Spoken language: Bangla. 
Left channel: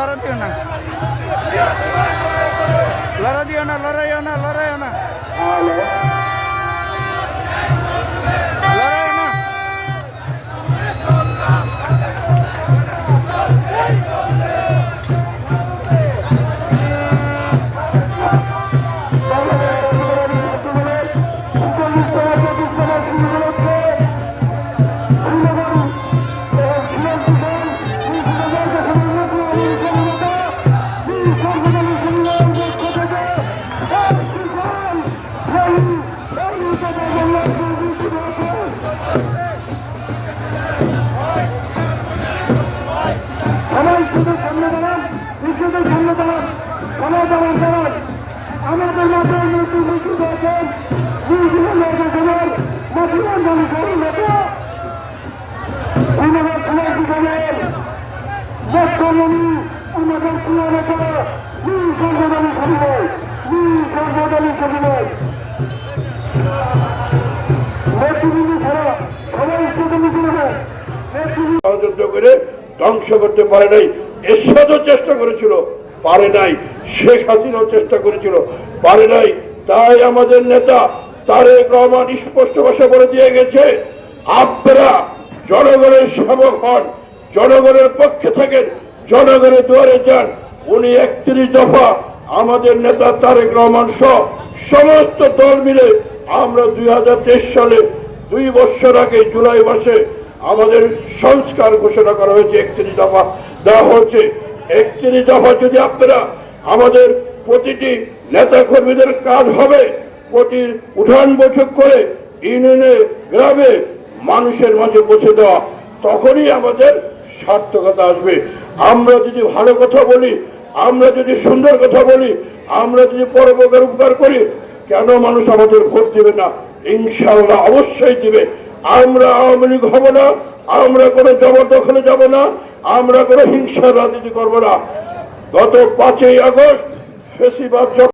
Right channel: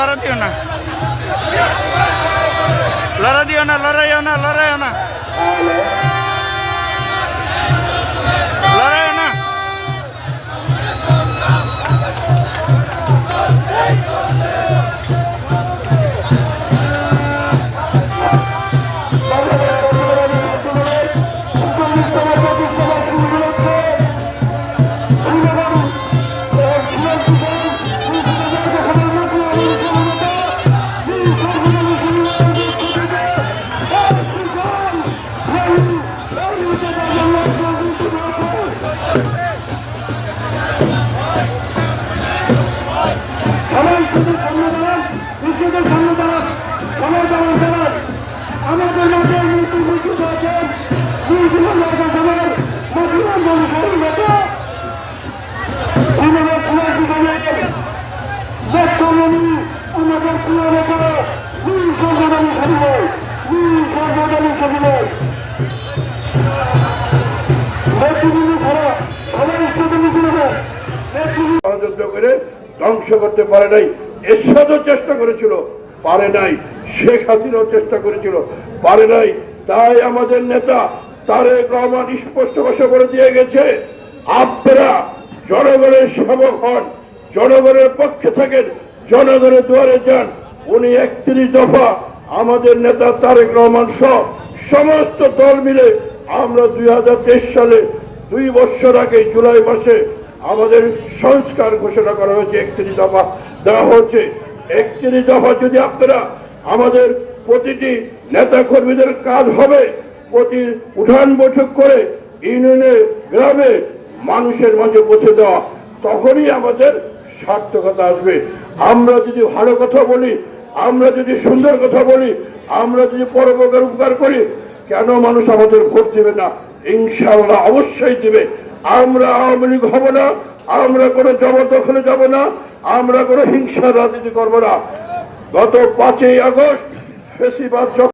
লড়া দিও না। লড়া দিও না লড়াইও না লড়াইও না। আমাদের মাঝে মৃত্যু মৃত্যু আছেন নিউজিল্যান্ড নির্বাচনের মহিলার মানুষের নেতা আমাদের সবাই জীবনের মুখ্যমন্ত্রী আমাদের প্রিয় বীর সর্বদানী সবিনয় বীর সর্বদানী সবিনয় নেতৃবৃন্দ ছাড়া সবাই নিচে নেবেন নেতৃবৃন্দ করে ধ্বংস করতে পারে নাই এরশাদও চেষ্টা করেছিল। পারে নাই। শেখ হাসিনাও চেষ্টা করেছিল, পারে নাই। তাই আমাদের নেতা তারেক রহমান স্পষ্ট ভাষা করে দিয়ে গেছে, আপনারা জনগণের সেবক হন, জনগণের পক্ষে থাকেন, জনগণের দুয়ারে যান। উনি একত্রিশ দফা আমাদের নেতা তারেক রহমান সহ সমস্ত দল মিলে আমরা দুই হাজার তেইশ সালে দুই বছর আগে জুলাই মাসে আমাদের সংস্কার ঘোষণা করা হয়েছে, একত্রিশ দফা দেওয়া হচ্ছে একত্রিশ দফা যদি আপনারা আমাদের প্রতিটি নেতা কর্মীদের কাজ হবে, প্রতি উঠান বৈঠক করে ইউনিয়নে গ্রামে মানুষের মাঝে পৌঁছে দেওয়া, তখনই আমাদের সার্থকতা আসবে। আমরা যদি ভালো কথা বলি, আমরা যদি সুন্দর কথা বলি, আমরা যদি পরোপকার উপকার করি, কেন মানুষ আমাদের ভোট দেবে না? ইনশাআল্লাহ অবশ্যই দিবে। আমরা আওয়ামী লীগ হব না, আমরা কোনো জবরদখলে যাব না। আমরা কোনো হিংসা রাজনীতি করব না। গত পাঁচই আগস্ট যখন